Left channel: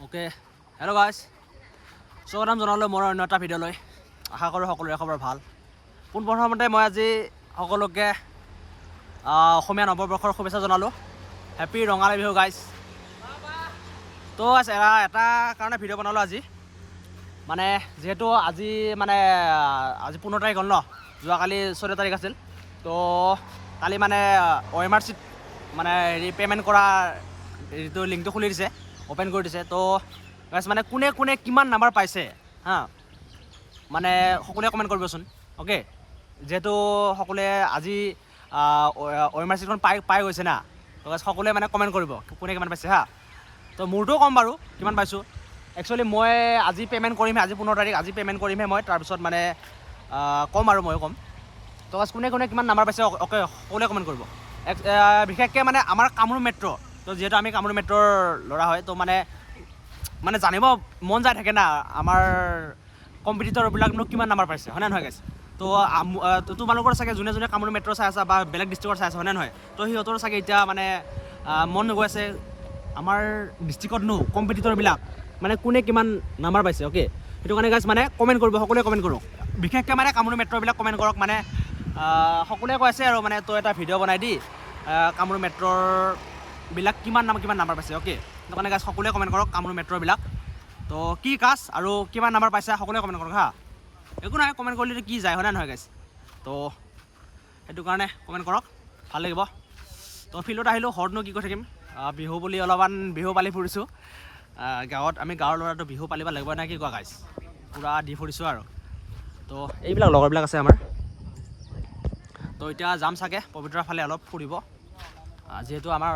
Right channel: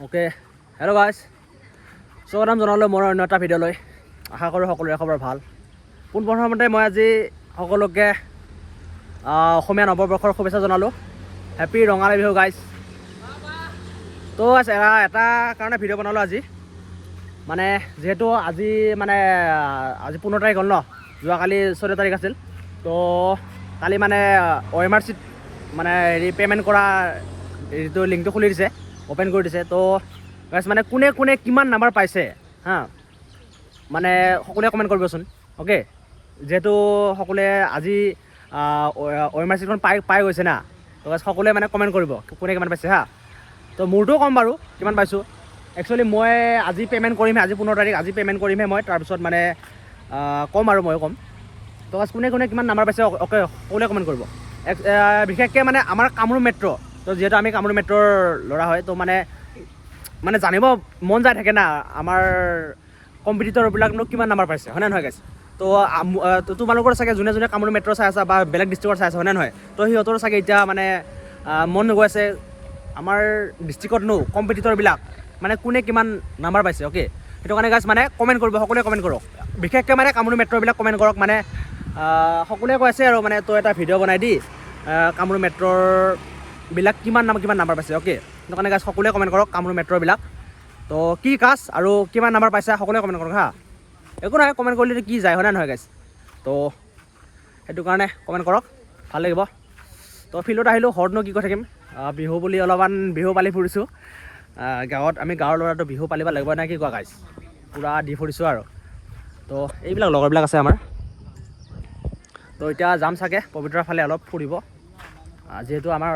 Okay hello' guys স্বাগতম জনালোঁ মোৰ অন্য এটা ভিডিঅ'লৈ আশা কৰোঁ সকলোৰে খবৰ ভাল। পোনপ্ৰথমতে মই আজি সকলোকে অসমীয়া নৱবৰ্ষৰ শুভেচ্ছা জনালোঁ। হেপী ৰঙালী বিহু গাইজ তো guys, এটা- কাৰণে ভিডিঅ' বনালোঁ আজি। মানে যিহেতু আজি মানে আজি পোন্ধৰ তাৰিখ হ'ল ন? যোৱাকালি চৈধ্য তাৰিখ আছিল। তো কালি মানে অ' এম আৰ চিত মানে হেৰি পে'মেণ্ট কৰা হেৰিটো লিংকটো খুলি দিছে। অ'পেন কৰি দিছে। তো মানে কোনে কোনে কিমান নাম্বাৰ পাইছে হা? মানে সকলোৱে কমেণ্ট কৰিবচোন অ'কে যিহেতু সকলোৱে আজি অ' এম পাই পাই গৈছে না? তো guys, সকলোৱে মানে কমেণ্ট কৰিব কোনে কিমান পাইছে হা? তো মোৰটোও ক'ম বাৰু কিমান পাইছোঁ? একচুৱেলি মই আজি পে'মেণ্ট কৰিমহে আজি পোন্ধৰ তাৰিখ আজি পে'মেণ্ট কৰিমহে মই তাৰপিছত মানে ক'ম আৰু ময়ো ক'ম। তো কোনে কোনে কিমান নাম্বাৰ পাইছে অ'কে সকলোৱে কমেণ্ট কৰিব। বিশেষকৈ মানে আমাৰ কামৰূপ মেট্ৰ' তো যিহেতু আমি কামৰূপ মেট্ৰ'ৰ ল'ৰা হয়, তো মানে মানে জানিব মন যায় থাকে না, আমাৰ কম্পিটিটৰবিলাকনো কিমান নাম্বাৰ পাইছে, হয়নে নহয় গাইছ তো তোমালোকৰ চাগে যোনে যোনে কামৰূপ মেট্ৰ' চাই আছা বা বেলেগ ডিষ্ট্ৰিক্টৰ চাই আছা, হয়নে নহয়? তো সিহঁতৰ চাগে এতিয়া মানে মন গৈ আছে, আমাৰ ডিষ্ট্ৰিক্টতনো কম্পিটিটৰবিলাক মানে কোনে কিমান নাম্বাৰ পাইছে অ'কে সেইটো কাৰণে গাইছ মানে কমেণ্ট কৰিব, সকলোৱে কমেণ্ট কৰক। বিশেষকৈ মানে কামৰূপ মেট্ৰ'বিলাক কমেণ্ট কৰক মানে সকলোৱে কৈ আছে আৰু মানে তই এটা ভিডিঅ' বনাই দি কামৰূপ মেট্ৰ'ৰ বিলাক কিমান নাম কিমান নাম্বাৰ পাইছে অ'কে সেইটো কাৰণে গাইছ সকলোৱে কমেণ্ট কৰক কামৰূপ মেট্ৰ'বিলাক তো কি কাজ আৰু কিমান নাম্বাৰ পাইছা সকলোৱে কমেণ্ট কৰক হা। একো নাই কমেণ্ট কৰিলে কি যায় হয়নে নহয় গাইছ তো সেইটো কাৰণে কমেণ্ট কৰক ভাল লাগিব। তো ফিল্ডত আহিলোঁ ঘৰতনো কি কৈ থাকিম? বিহু বুলি অলপমান বিহু পালি ফুৰিছোঁ। গাঁৱত আমি গাঁৱৰ ল'ৰাটো বিহু পালিব লাগিব নে কি কোৱা গাইছ পূৰা দি ফুৰিছোঁ আৰু। তো এইবিলাক লগৰবিলাক আছে আমাৰ। তো এতিয়া যাম চাগে পবিতৰাৰ ফালে অলপ ফুৰিব। যিহেতু আমাৰ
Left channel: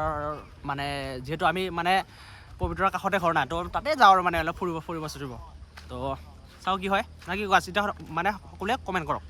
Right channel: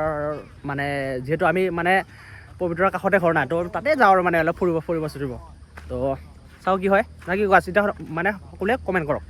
মানে যিহেতু আমি মানে পবিতৰাৰ কাষতে ঘৰ নাই তো তাতে যাওঁ আৰু মানে অলপ ফুৰিব ফুৰিব চুৰিব তো চাওঁ কি হয়। না কি চিন্তা মানে সকলোৱে কমেণ্ট কৰক।